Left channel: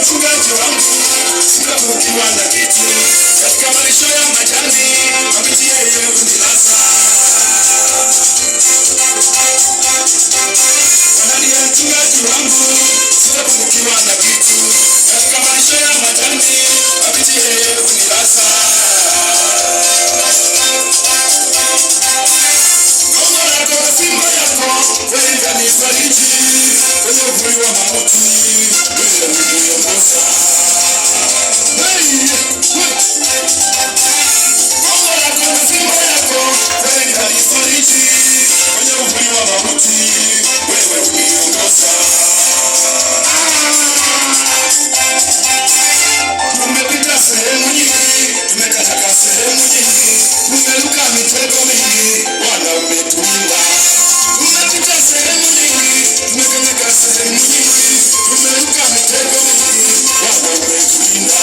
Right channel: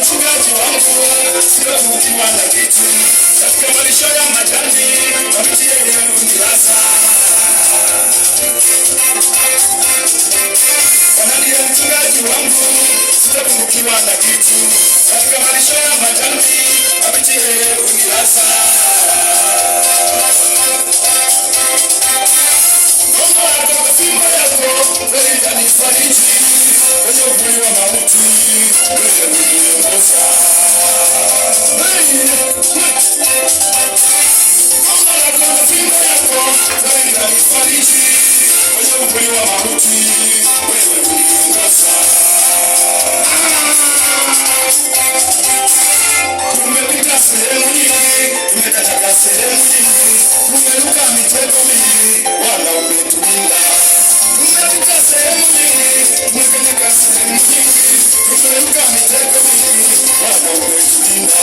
Mchungaji wangu sitapungukiwa na kitu, katika malisho ya majani mabichi yeye hunilaza. Bwana ndiye mchungaji wangu sitapungukiwa na kitu, katika malisho ya majani mabichi yeye hunilaza. Mungu atoa fimbo yako kweli kanifariji, kwenye uvuli wa mauti wewe huniongoza. Mungu atoa fimbo yako kweli kanifariji, kwenye uvuli wa mauti wewe huniongoza. Tumepita sehemu nyingi, tumekataka sehemu nyingi, tumeruka mitego mingi, Bwana umetulinda. Tumepita sehemu nyingi, tumekataka sehemu nyingi, tumeruka mitego mingi, Bwana umetulinda.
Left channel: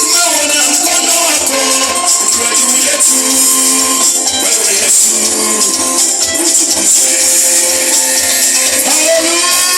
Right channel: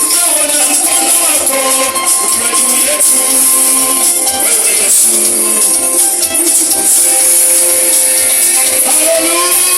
Tumeona mkono wako ukiwa juu yetu, wewe Yesu utukuzwe. Hallelujah.